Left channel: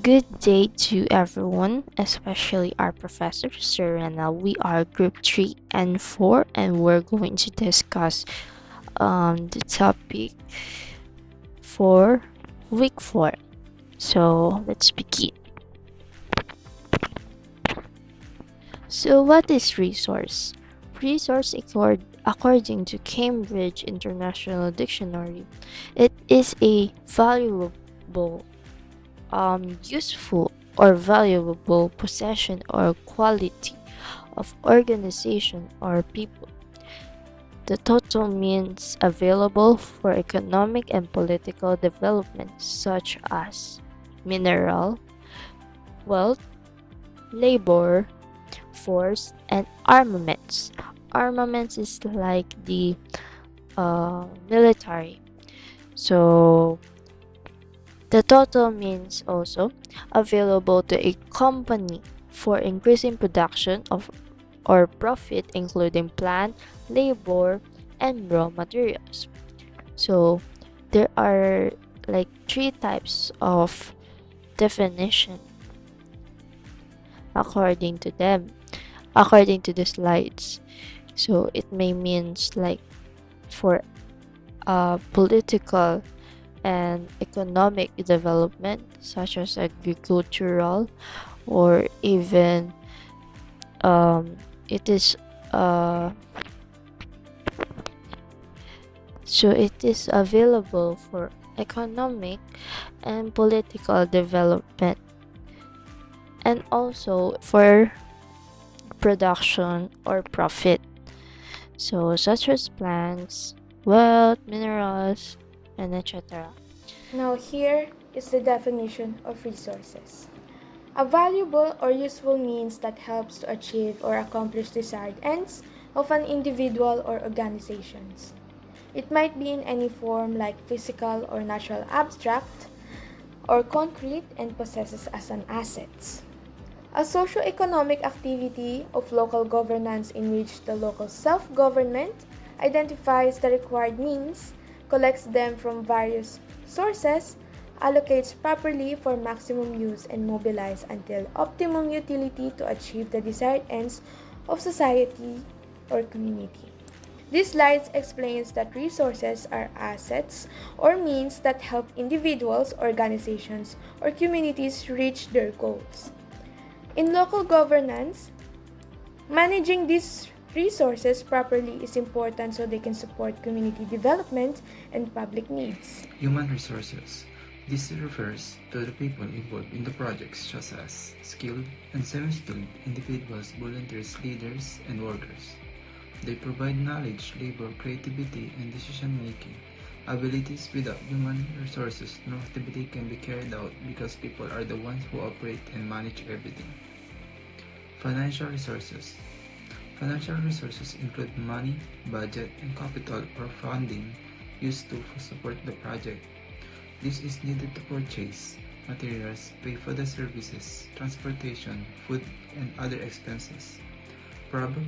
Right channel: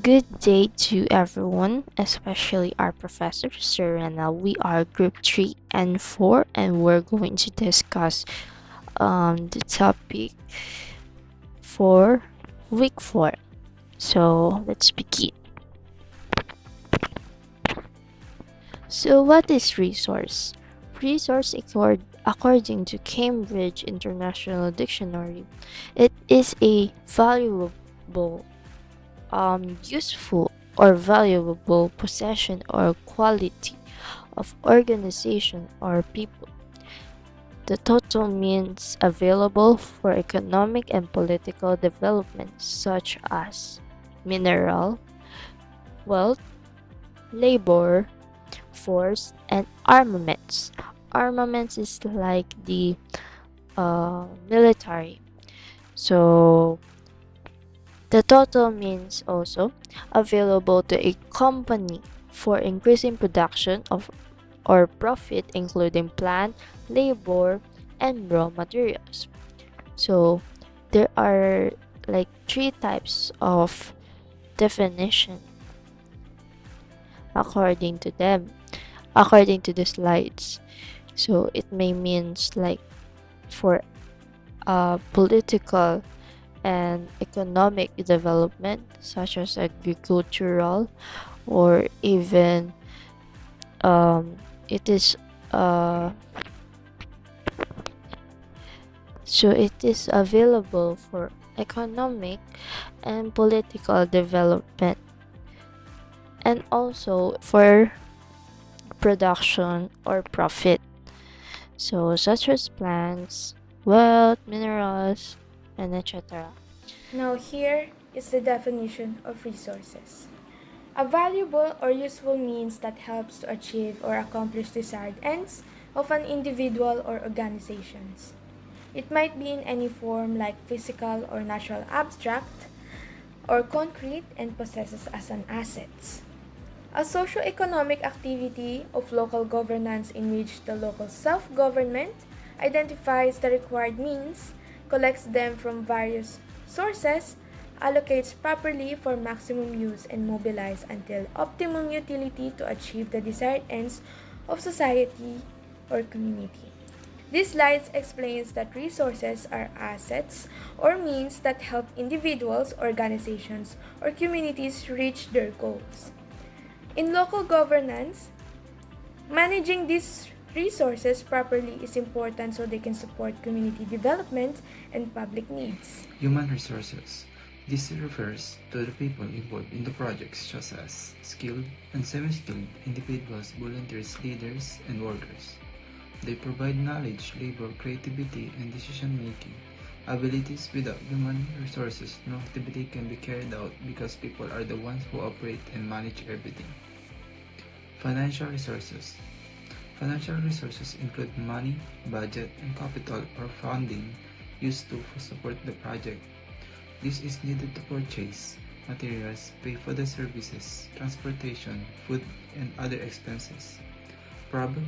Good day to everyone, especially our professor, Serena. We are group 3 and 4, and we're going to discuss the topic for week 4. So let's begin. So, what is resource? Resource, according to Cambridge International Dictionary, it is a valuable useful or valuable possession or quality of organization or people. The total means available for economic and political development, such as mineral, wealth, labor, force, and armaments. Armaments is like the military. So the total means also available to a company for increasing production of or profit, including plant, labor, and raw materials. So there are like three types of definition according to them, according to the slides. So it may means like for political and economic development, such as agricultural, or even it is uh, so it is available for economic and political development, and also for production or profit, so such as plants, wealth, minerals, and etc. Now, here is the definition of resources. A valuable or useful means that helps to achieve or accomplish desired ends of an individual or organizations. It might be in any form like physical or natural abstract or concrete and possesses as an asset. A socio-economic activity of local governance in which the local self-government identifies the required means, collects them from various sources, allocates properly for maximum use and mobilize until optimum utility to achieve the desired ends of society or community. This slide explains that resources are assets or means that help individuals, organizations, or communities reach their goals. In local governance, managing these resources properly is important so they can support community development and public needs. Human resources. This refers to the people involved in the projects such as skilled and semi-skilled individuals, volunteers, leaders, and workers. They provide knowledge, labor, creativity, and decision-making. Abilities without human resources, no activity can be carried out because people are the ones who operate and manage everything. Financial resources. Financial resources include money, budget, and capital or funding used to support the project. This is needed to purchase materials, pay for the services, transportation, food, and other expenses. Proper,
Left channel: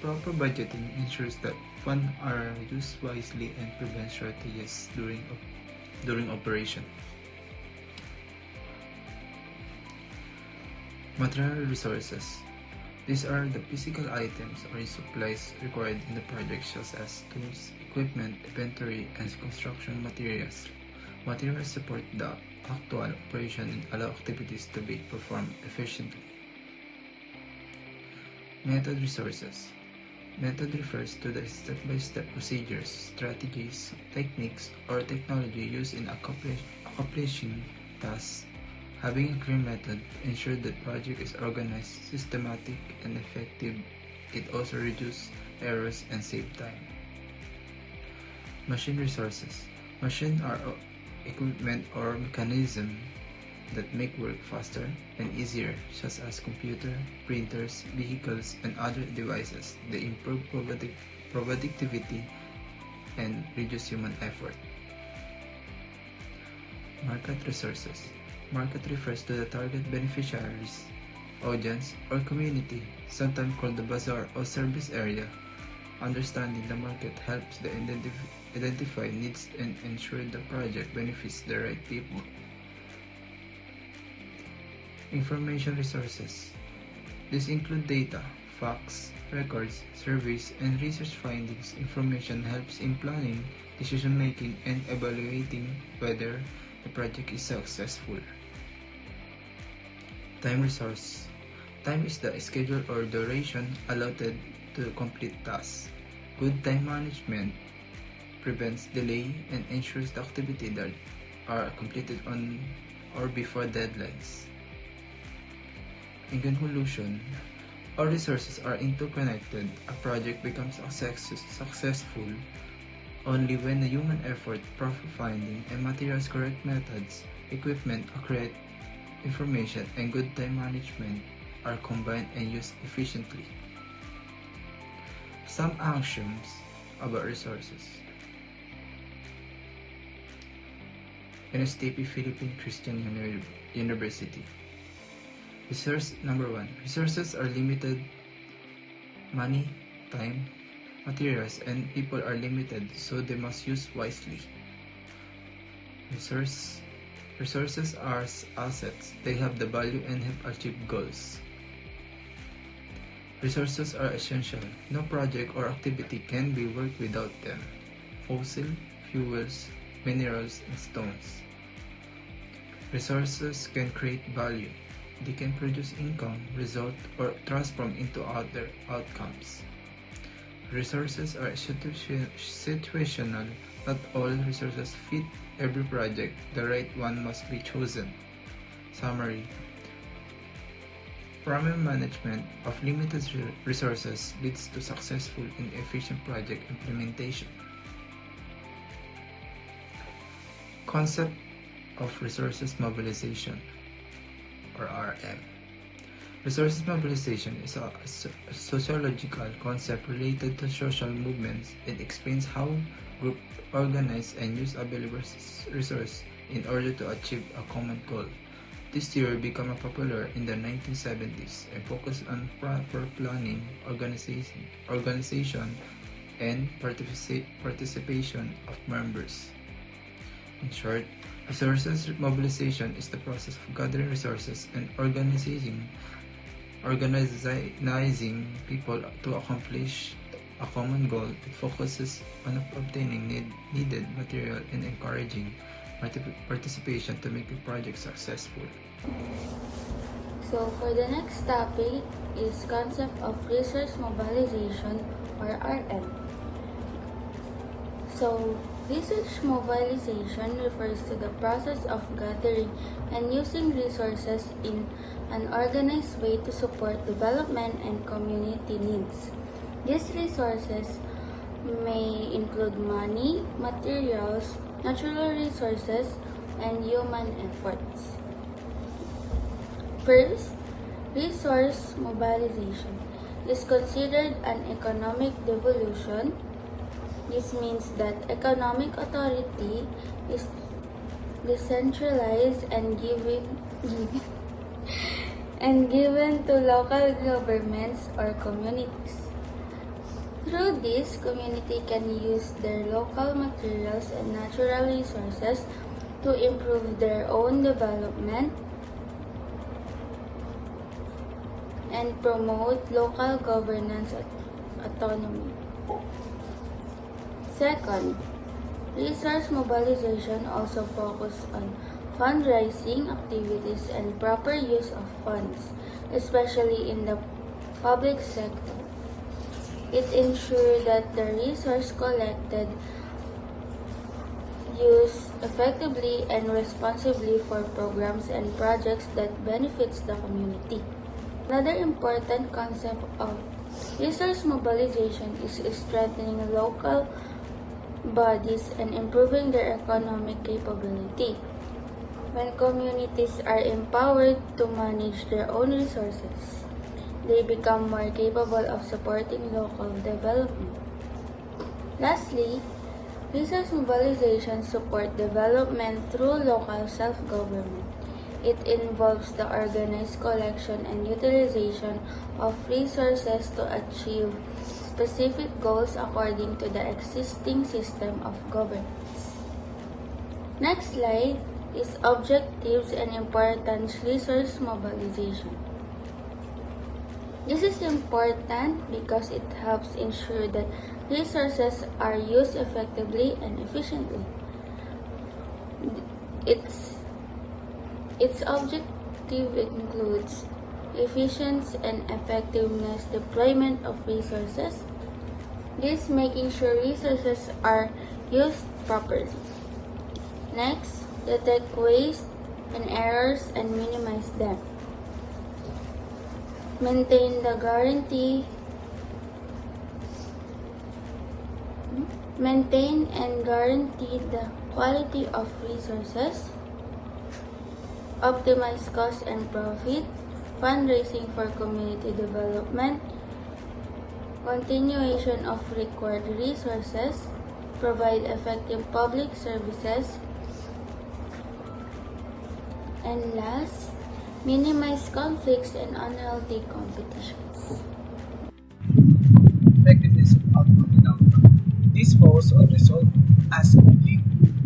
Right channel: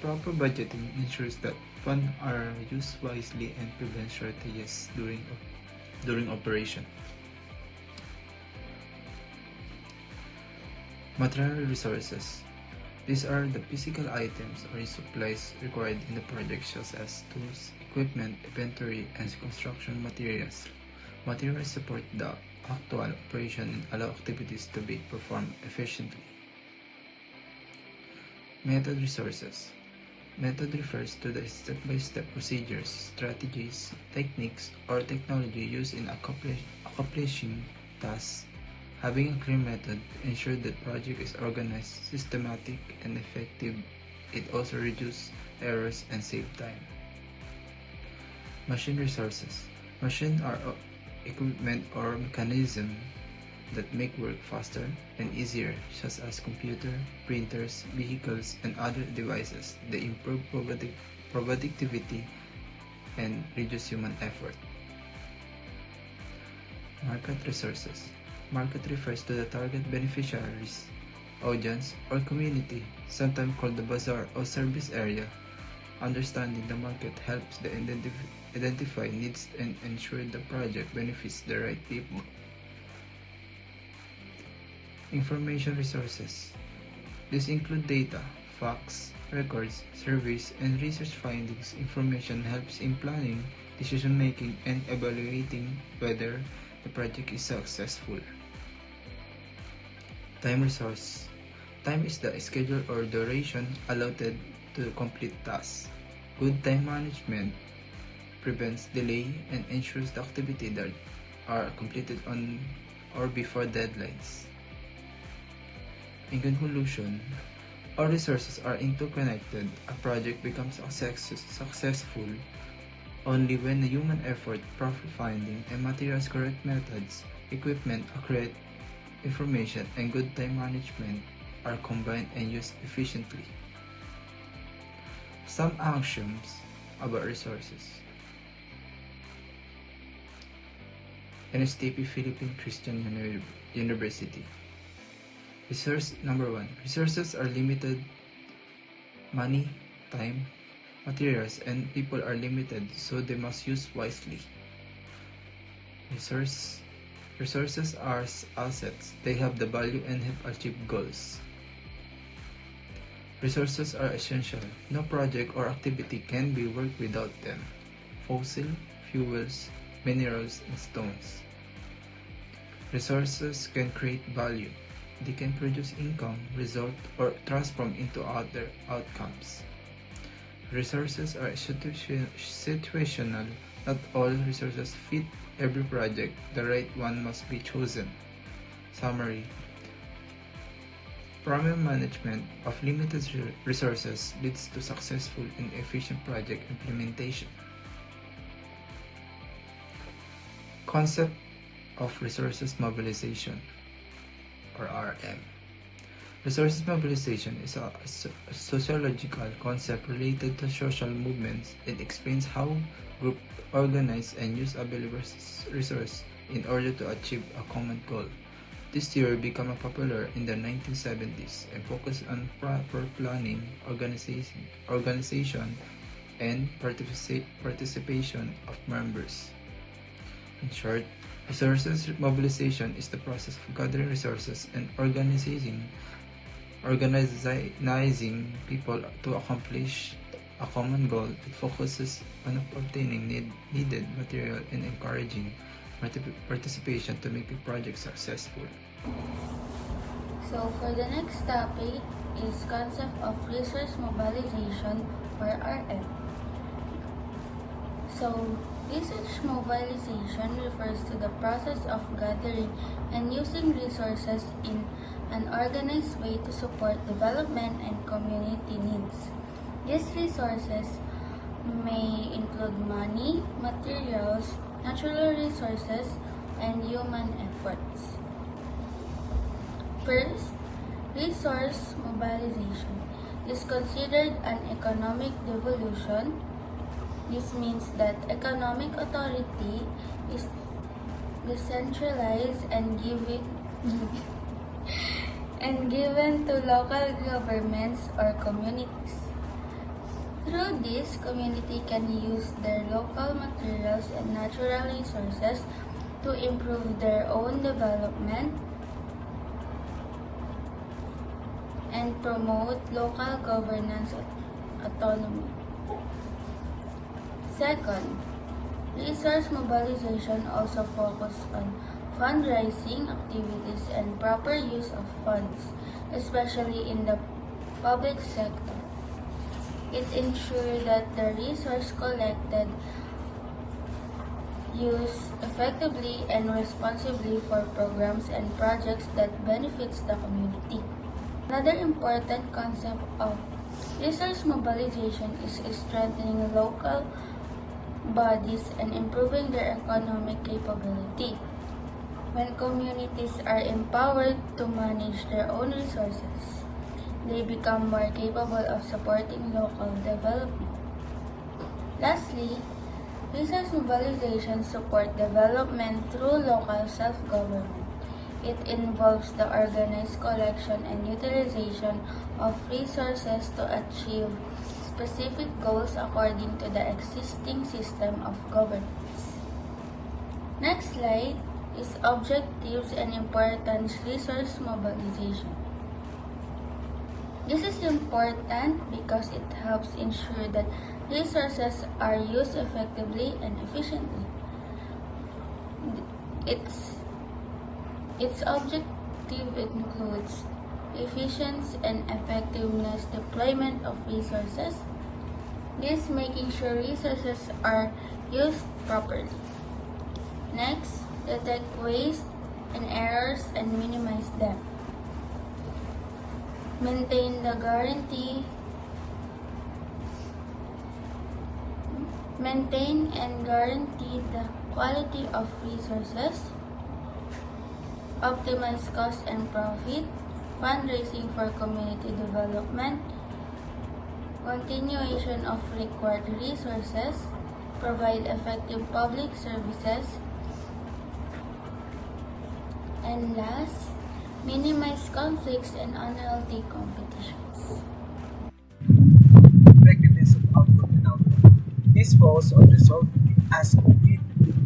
proper budgeting ensures that funds are used wisely and prevents shortages during operation. Material resources. These are the physical items or supplies required in the project such as tools, equipment, inventory, and construction materials. Materials support the actual operation and allow activities to be performed efficiently. Method resources. Method refers to the step-by-step procedures, strategies, techniques, or technology used in accomplishing tasks. Having a clear method ensures that project is organized, systematic, and effective. It also reduces errors and save time. Machine resources. Machines are equipment or mechanism that make work faster and easier, such as computer, printers, vehicles, and other devices. They improve productivity and reduce human effort. Market resources. Market refers to the target beneficiaries, audience, or community, sometimes called the bazaar or service area. Understanding the market helps the identify needs and ensure the project benefits the right people. Information resources. These include data, facts, records, surveys, and research findings. Information helps in planning, decision-making, and evaluating whether the project is successful. Time resource. Time is the schedule or duration allotted to complete tasks. Good time management prevents delay and ensures the activity that are completed on or before deadlines. In conclusion, all resources are interconnected. A project becomes successful only when the human effort, profit finding, and materials correct methods, equipment, accurate information, and good time management are combined and used efficiently. Some axioms about resources. Nstp Philippine Christian University. Resource number 1. Resources are limited. Money, time, materials, and people are limited, so they must use wisely. Resources are assets. They have the value and help achieve goals. Resources are essential. No project or activity can be worked without them. Fossil, fuels, minerals, and stones. Resources can create value. They can produce income, result, or transform into other outcomes. Resources are situational. Not all resources fit every project. The right one must be chosen. Summary. Proper management of limited resources leads to successful and efficient project implementation. Concept of resources mobilization, or RM. Resources mobilization is a sociological concept related to social movements. It explains how groups organize and use available resources in order to achieve a common goal. This theory became popular in the 1970s and focused on proper planning, organization, and participation of members. In short, resources mobilization is the process of gathering resources and organizing people to accomplish a common goal. It focuses on obtaining needed material and encouraging participation to make a project successful. So for the next topic is concept of resource mobilization, or RM. So resource mobilization refers to the process of gathering and using resources in an organized way to support development and community needs. These resources may include money, materials, natural resources, and human efforts. First, resource mobilization is considered an economic devolution. This means that economic authority is decentralized and given to local governments or communities. Through this, community can use their local materials and natural resources to improve their own development and promote local governance autonomy. Second, resource mobilization also focuses on fundraising activities and proper use of funds, especially in the public sector. It ensures that the resource collected used effectively and responsibly for programs and projects that benefits the community. Another important concept of resource mobilization is strengthening local bodies and improving their economic capability. When communities are empowered to manage their own resources, they become more capable of supporting local development. Lastly, resource mobilization supports development through local self-government. It involves the organized collection and utilization of resources to achieve specific goals according to the existing system of governance. Next slide is objectives and importance resource mobilization. This is important because it helps ensure that resources are used effectively and efficiently. Its, its objective includes efficient and effectiveness deployment of resources, this making sure resources are used properly. Next, detect waste and errors and minimize them. Maintain the guarantee. Maintain and guarantee the quality of resources. Optimize cost and profit. Fundraising for community development. Continuation of required resources. Provide effective public services. And last, minimize conflicts and unhealthy competitions. Effectiveness of output and outcome. This falls on result as did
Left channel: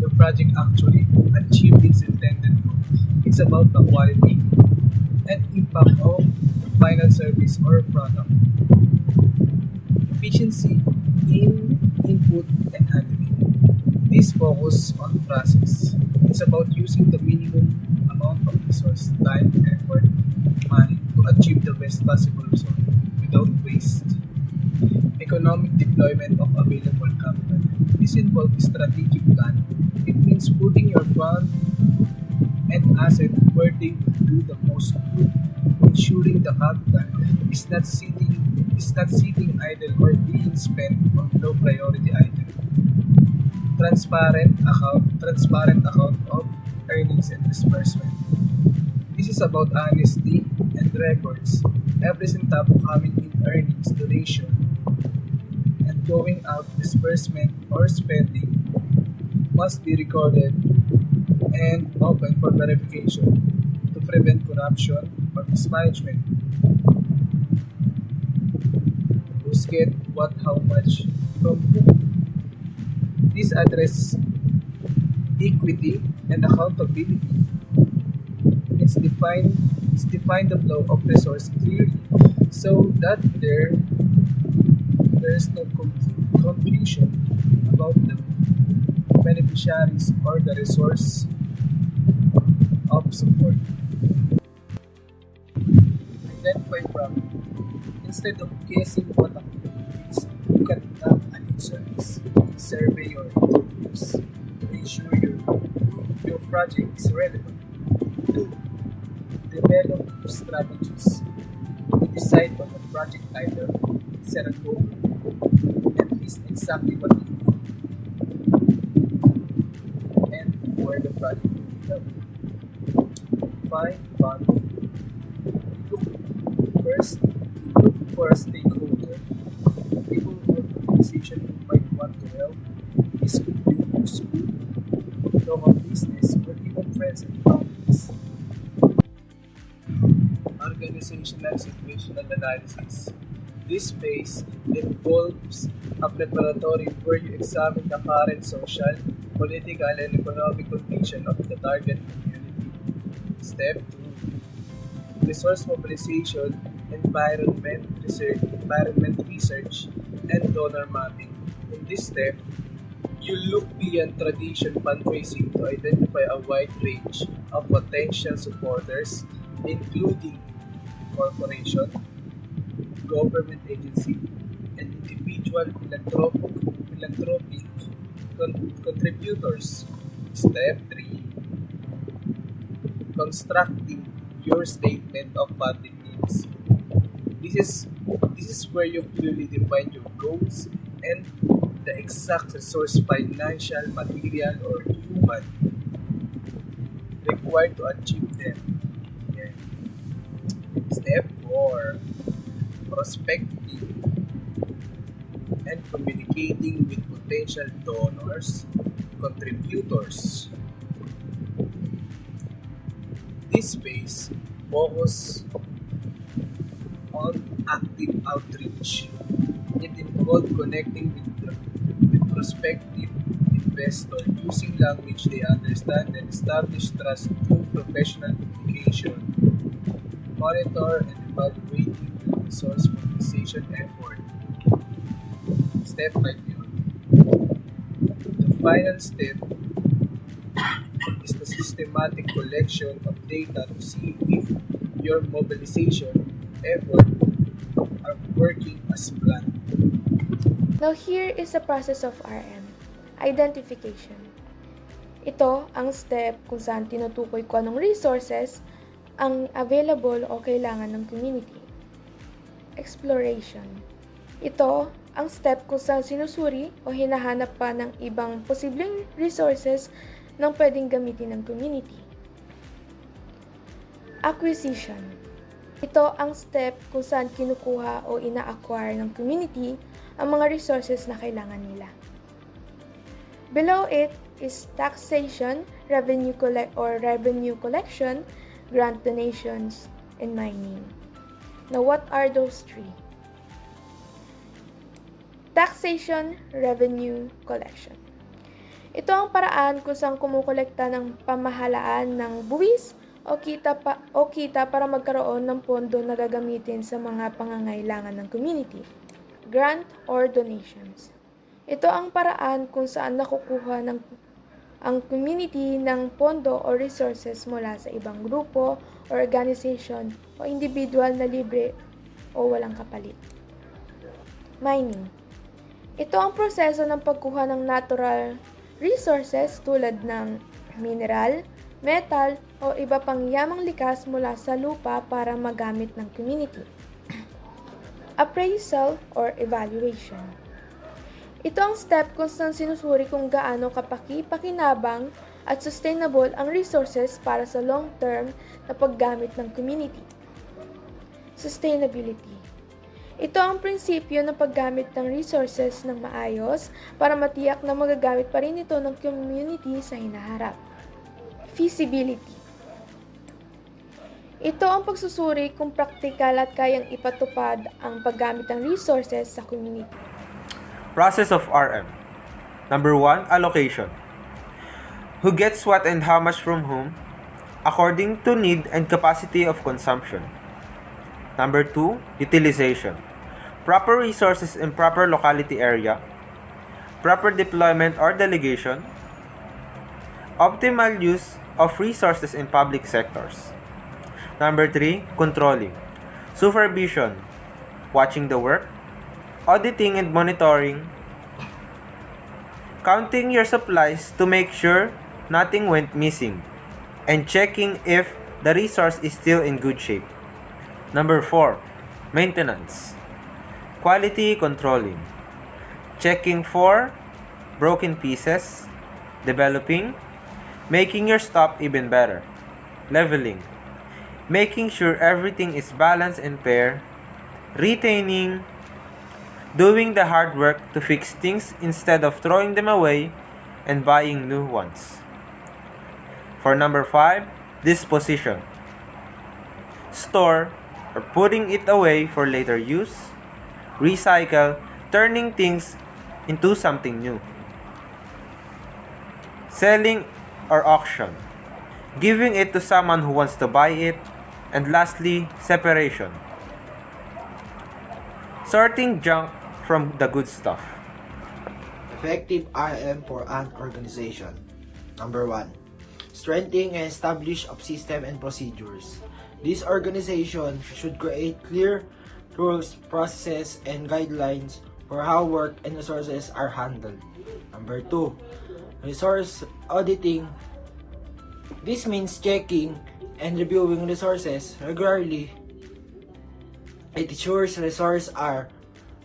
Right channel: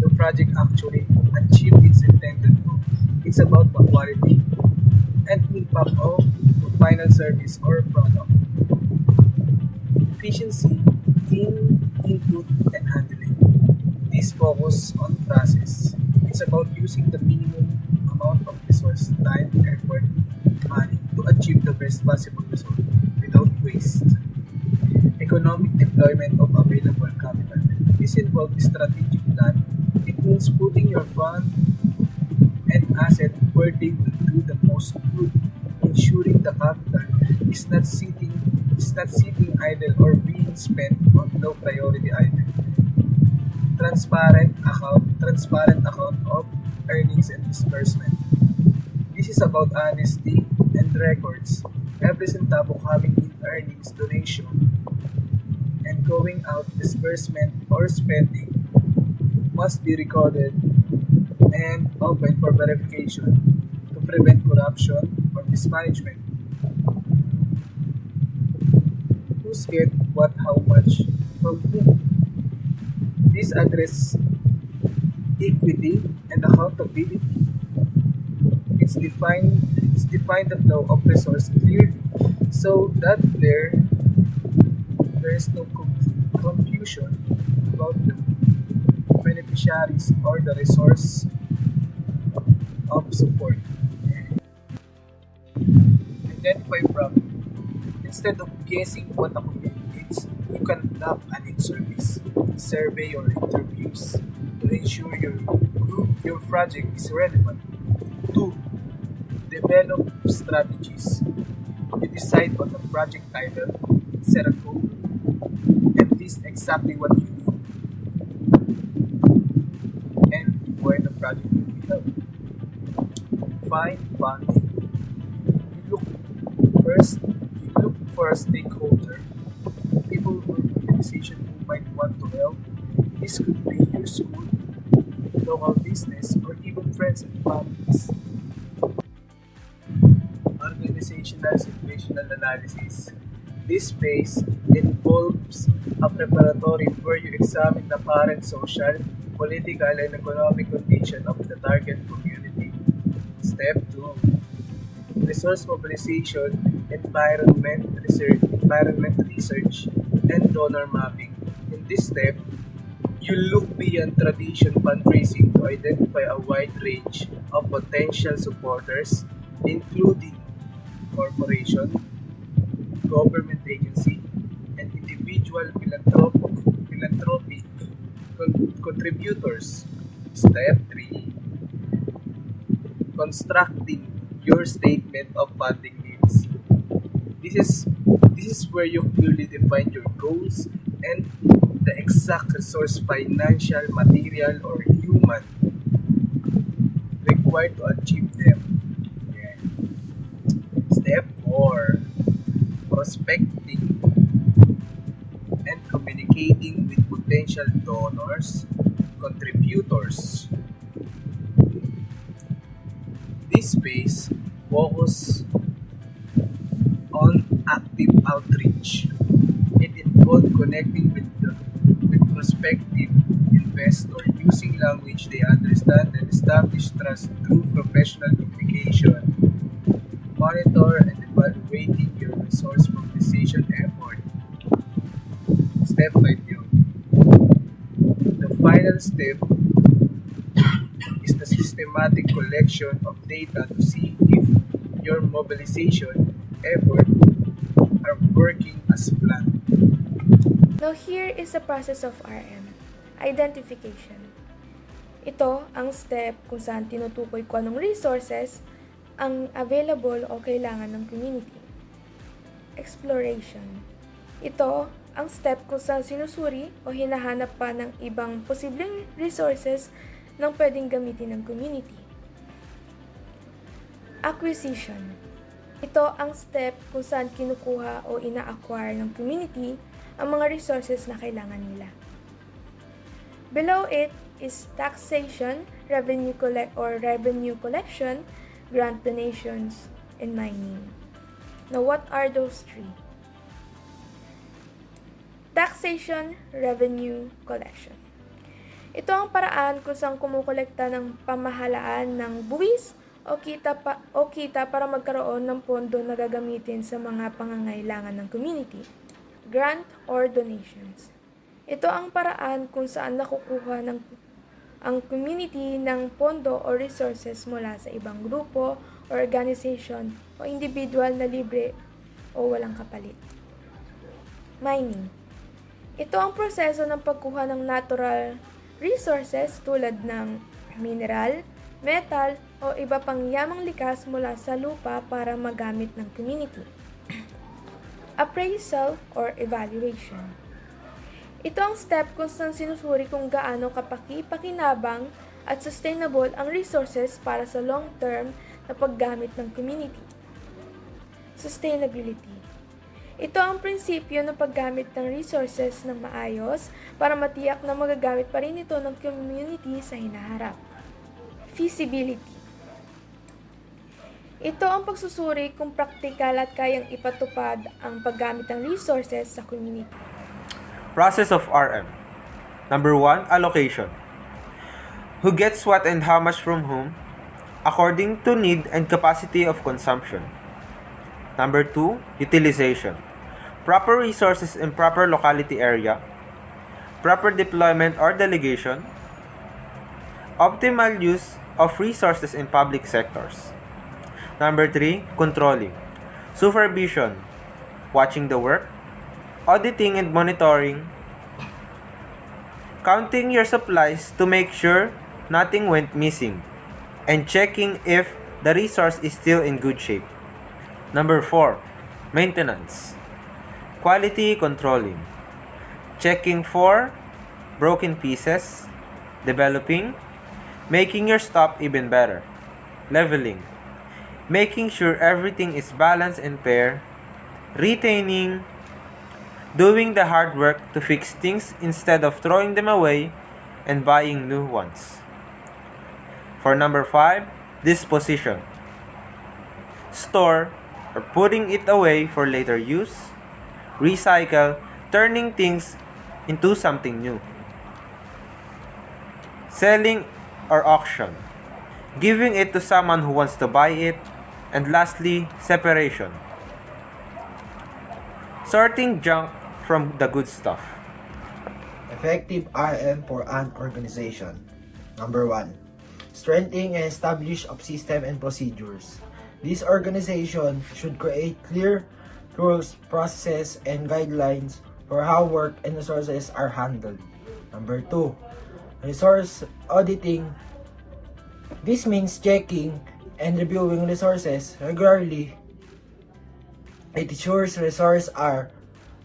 the project actually achieve its intended goal. It's about the quality and impact of the final service or product. Efficiency in input and handling. This focus on process. It's about using the minimum amount of resource, time, effort, money to achieve the best possible result without waste. Economic deployment of available capital. This involves strategic planning. It means putting your fund and asset where they will do the most good, ensuring the capital is not sitting idle or being spent on low priority items. Transparent account of earnings and disbursement. This is about honesty and records. Every centavo coming in earnings, donation, and going out disbursement or spending must be recorded and open for verification to prevent corruption or mismanagement. Who's get what, how much, from whom. This address equity and accountability. It's defined the flow of resource clearly so that there is no confusion about the beneficiaries or the resource of support. Identify problem. Instead of guessing what a community needs, you conduct a need service, survey or interviews to ensure your project is relevant. 2. Develop strategies. You decide on the project title, set a goal, and list exactly what you need and where the project will be held. Find funding. You look first, you look for a stakeholder, people or organization who might want to help. This could be your school, local business, or even friends and families. Organizational situational analysis. This phase involves a preparatory where you examine the current social, political, and economic condition of the target community. Step 2. Resource mobilization, environment research, and donor mapping. In this step, you look beyond traditional fundraising to identify a wide range of potential supporters, including corporation, government agency, and individual philanthropic contributors. Step 3. Constructing your statement of funding needs. This is this is where you clearly define your goals and the exact resource financial, material, or human required to achieve them. Yeah. Step 4. Prospecting and communicating with potential donors, contributors. This phase focus on active outreach. It involved connecting with prospective investor using language they understand and establish trust through professional communication. Monitor and evaluating your resource mobilization effort. Step 5 yun. The final step is the systematic collection of data to see if your mobilization effort are working as planned. Now here is the process of RM. Identification. Ito ang step kung saan tinutukoy ko anong resources ang available o kailangan ng community. Exploration. Ito ang step kung saan sinusuri o hinahanap pa ng ibang posibleng resources ng pwedeng gamitin ng community. Acquisition. Ito ang step kung saan kinukuha o ina-acquire ng community ang mga resources na kailangan nila. Below it is taxation, revenue collection, grant donations, and mining. Now, what are those three? Taxation, revenue, collection. Ito ang paraan kung saan kumukolekta ng pamahalaan ng buwis o kita para magkaroon ng pondo na gagamitin sa mga pangangailangan ng community. Grant or donations. Ito ang paraan kung saan nakukuha ang community ng pondo o resources mula sa ibang grupo o organization o individual na libre o walang kapalit. Mining. Ito ang proseso ng pagkuha ng natural resources tulad ng mineral, metal o iba pang yamang likas mula sa lupa para magamit ng community. Appraisal or evaluation. Ito ang step kung saan sinusuri kung gaano kapaki-pakinabang at sustainable ang resources para sa long-term na paggamit ng community. Sustainability. Ito ang prinsipyo ng paggamit ng resources ng maayos para matiyak na magagamit pa rin ito ng community sa hinaharap. Feasibility. Ito ang pagsusuri kung praktikal at kayang ipatupad ang paggamit ng resources sa community. Process of RM. Number 1, allocation. Who gets what and how much from whom, according to need and capacity of consumption. Number 2, utilization. Proper resources in proper locality area, proper deployment or delegation, optimal use of resources in public sectors. Number 3, controlling. Supervision, watching the work, auditing and monitoring, counting your supplies to make sure nothing went missing, and checking if the resource is still in good shape. Number 4, maintenance. Quality controlling, checking for broken pieces, developing, making your stuff even better, leveling, making sure everything is balanced and fair, retaining, doing the hard work to fix things instead of throwing them away and buying new ones. For number 5, disposition. Store or putting it away for later use, recycle, turning things into something new. Selling or auction, giving it to someone who wants to buy it, and lastly, separation. Sorting junk from the good stuff. Effective RM for an organization. Number 1. Strengthening and establish of system and procedures. This organization should create clear rules, processes, and guidelines for how work and resources are handled. Number 2. Resource auditing. This means checking and reviewing resources regularly. It ensures resources are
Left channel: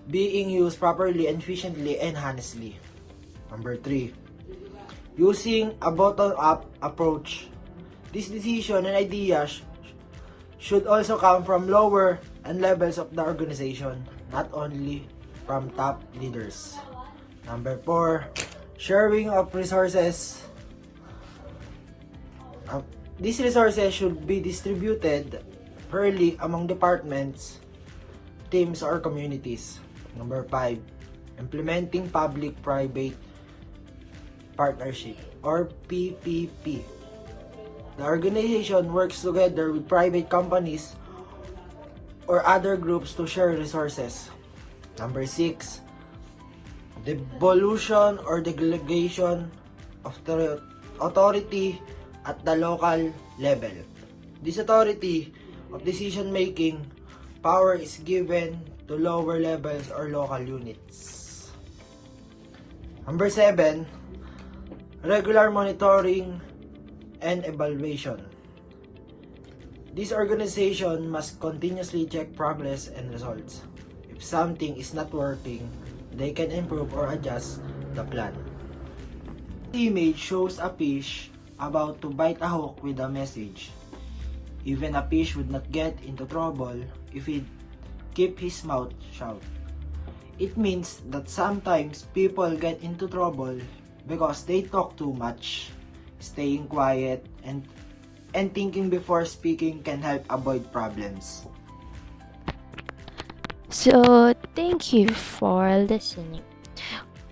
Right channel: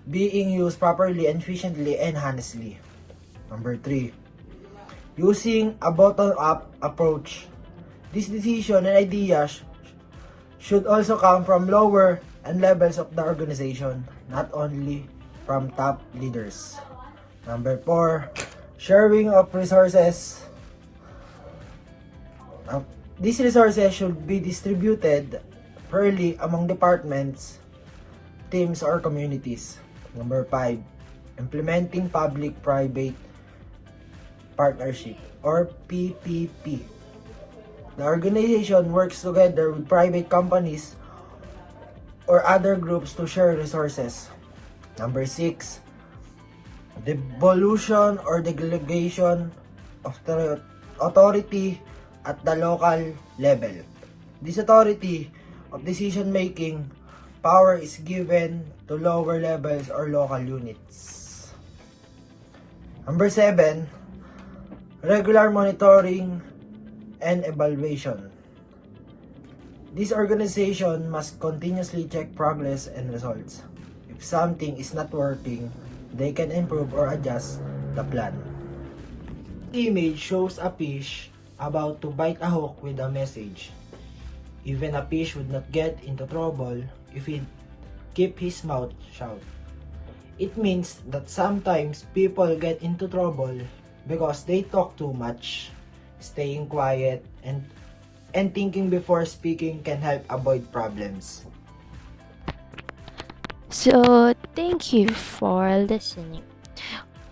being used properly and efficiently and honestly. Number 3. Using a bottom-up approach. This decision and ideas should also come from lower and levels of the organization, not only from top leaders. Number 4. Sharing of resources. These resources should be distributed fairly among departments, teams, or communities. Number 5. Implementing public-private partnership or PPP. The organization works together with private companies or other groups to share resources. Number 6, devolution or delegation of the authority at the local level. This authority of decision making power is given to lower levels or local units. Number 7, regular monitoring and evaluation. This organization must continuously check progress and results. If something is not working, they can improve or adjust the plan. The image shows a fish about to bite a hook with a message. Even a fish would not get into trouble if he keep his mouth shut. It means that sometimes people get into trouble because they talk too much. Staying quiet and thinking before speaking can help avoid problems. So thank you for listening.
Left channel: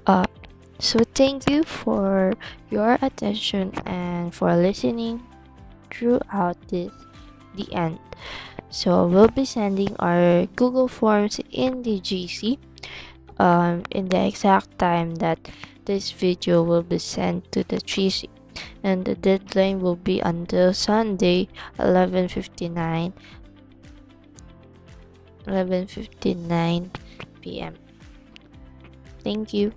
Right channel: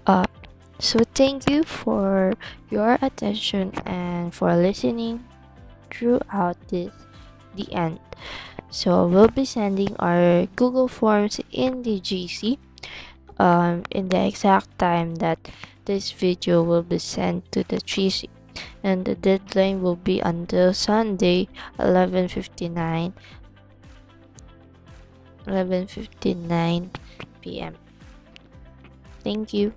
Uh, so thank you for your attention and for listening throughout the end. So we'll be sending our Google Forms in the GC in the exact time that this video will be sent to the GC, and the deadline will be until Sunday 11:59 p.m. Thank you.